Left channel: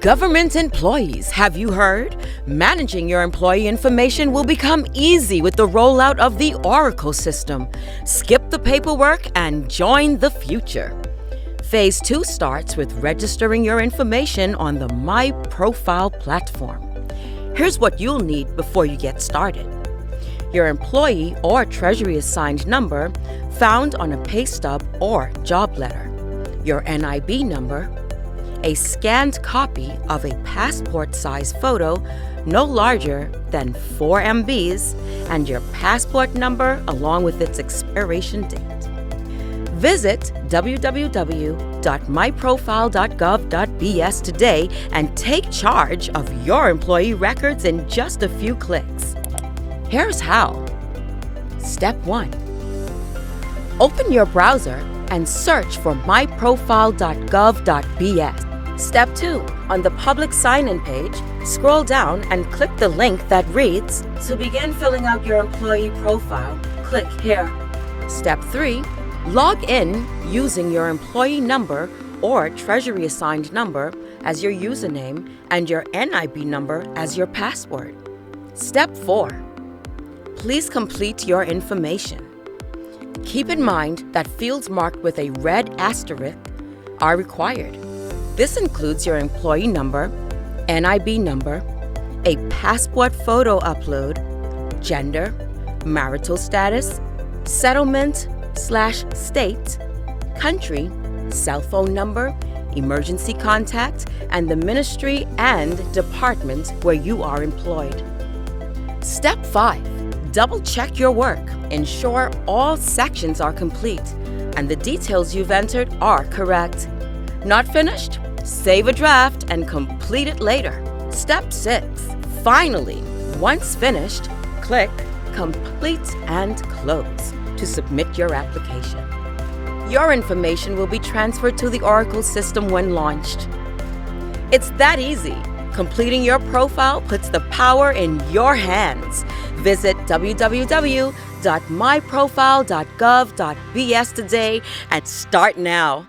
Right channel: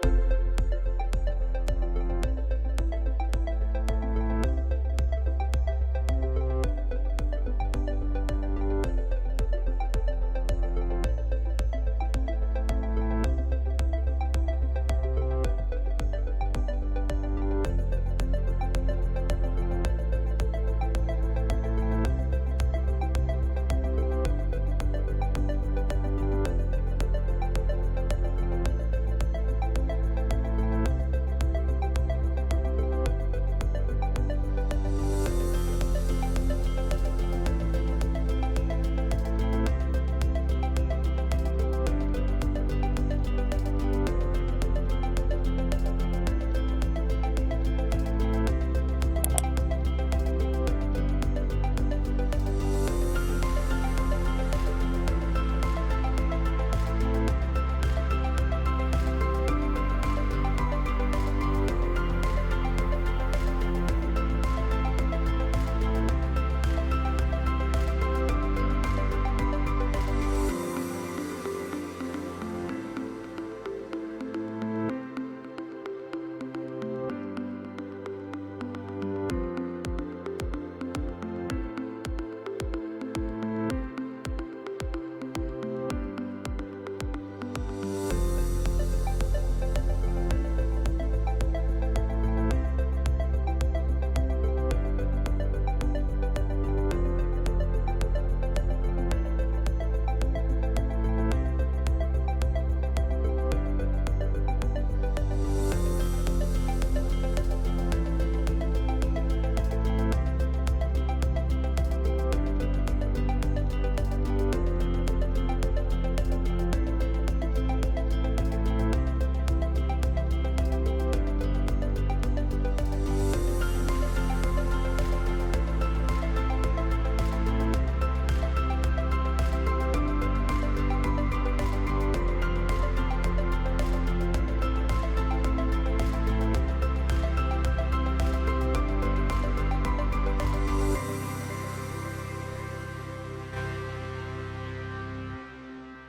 Government employees, have you heard? Managing your employee information will become easy with the rollout of the Oracle system. Skip the paperwork and join the future. Phase 2 starts with registering your information on the My Profile platform. Here's what you'll need before you get started. Your employee or Treasury assigned number found on a pay stub or job letter, your NIB number, a scanned copy of a passport-size photo no larger than 4 MBs, and your passport number along with its expiration date. Visit www.myprofile.gov.bs today and take charge of your employee records in just a few clicks. Here's how. Step 1. Open your browser and search for myprofile.gov.bs. Step 2. On the public sign-in page, scroll down and click the link that reads, "To begin filling out your employee profile, click here." Step 3. Log in using your employee number or Treasury assigned number as your username and your NIB number as your password. Step 4. Please complete your information. Keep in mind that fields marked with a red asterisk are required. This includes your employee number, NIB number, a passport photo upload, gender, marital status, settlement/state, country, cell phone number, emergency contact, and the ministry and department where you are employed. Step 5. Double-check your work. Ensure all sections are complete and the details you've entered are correct. Not finished? Save a draft and complete it later. Step 6. Finally, once finished, click Complete and Close to submit your application. Your information will be transferred to the Oracle system when launched. It's that easy. Completing your profile puts the power in your hands. Visit www.myprofile.gov.bs today and start now.